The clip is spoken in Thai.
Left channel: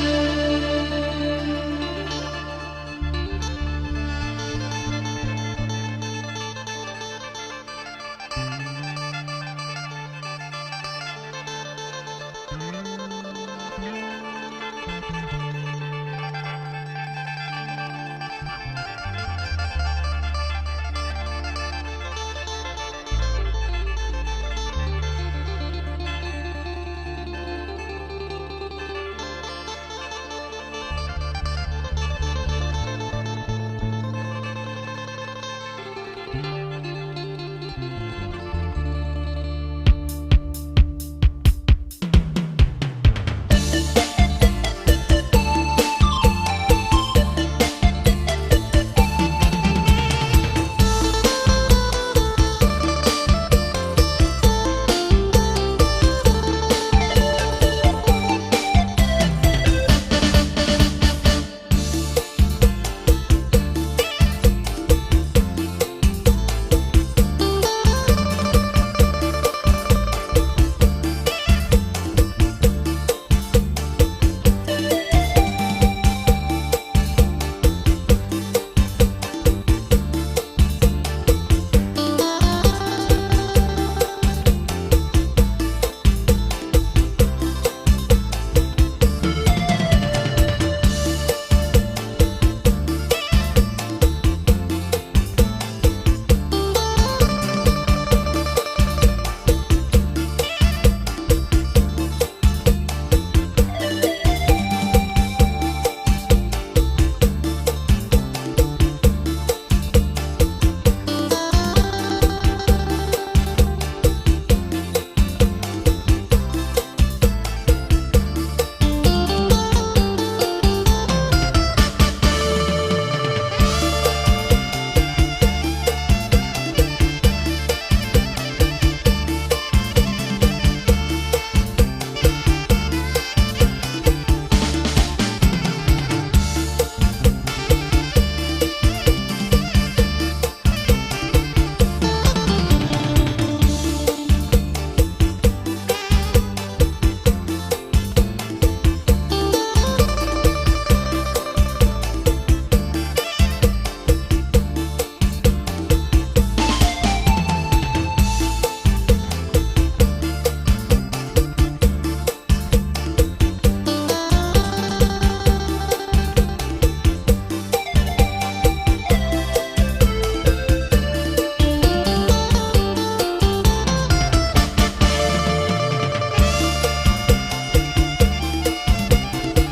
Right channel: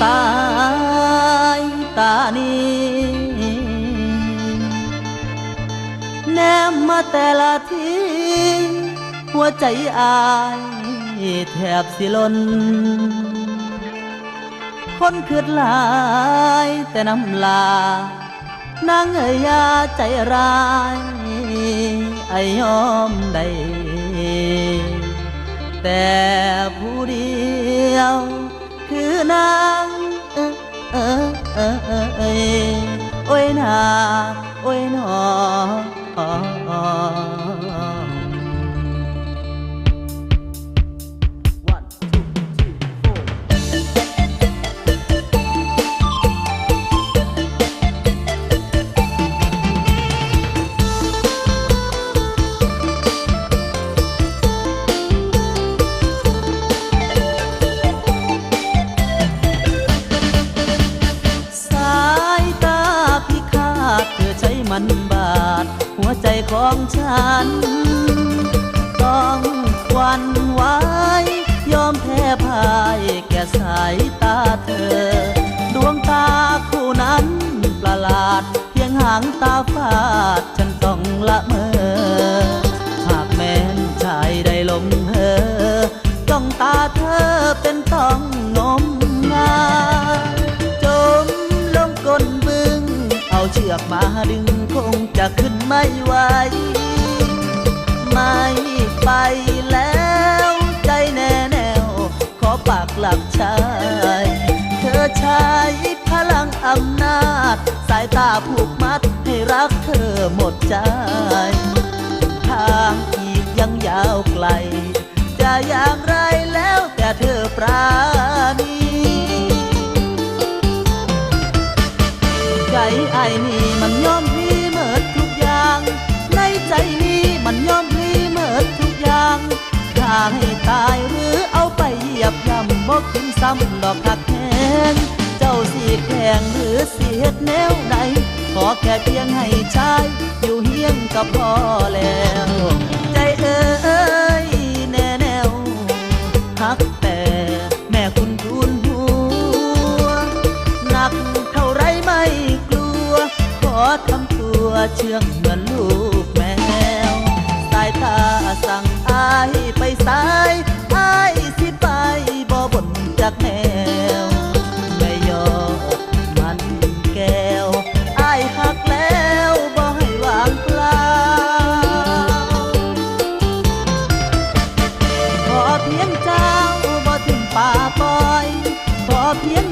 สายตานี้แนมมาแต่ละทีหัวใจอายแทบสิล้นคนคืดหลายแต่น้ำลานางเอ๋ยยาใจร้ายไอยอมได้แต่ผู้เดียวคือนางโอ้ยนาโอ้ยหนอบาดหัวใจของฉันต้องหวั่นไหวยอมแพ้พ่ายแก่สายตาเธอดวงตาคู่นั้นประหลาดเพียงหางตาฟาดฉันต้องละเมอหากแม้นชายได้ลงเธอจ้องตาเธอเป็นต้องงมงายจมลงก้นบึงเอาเชือกมาดึงจะขึ้นไม่ไหวไม่ไปแล้วใจแน่แนวขอปากหลับชายเธอใช้พลังอำนาจสายตาผูกมัดให้รักเธอหมดใจทางอีกยังยาวไกลจะอย่างไรแล้วแต่เธอปราณีใจไอ้นี่มันยอมให้ตายหรือเอาไปเหยียบย่ำบอกกินซ้ำดอกหักแหงเจ้าสีแข็งหรือสีเฮ็ดแนวไหนขอแค่เพียงให้ชายอยู่เฮียงก็พอแล้วใจเอ้ยแน่แนวหักแต่แม่คุณทูลหัวหนักเท่าไรไม่กลัวขอทำตัวเชื่องเหมือนลูกแมวสายตาสั่งอายไปสายอายสิไปบ่บ่นจากแนวไม่ยอมมันแก้วอายหักแล้วบ่ให้วางเปล่าขอเพียงเจ้าบ่ทิ้งป่าปล่อยขอเพียง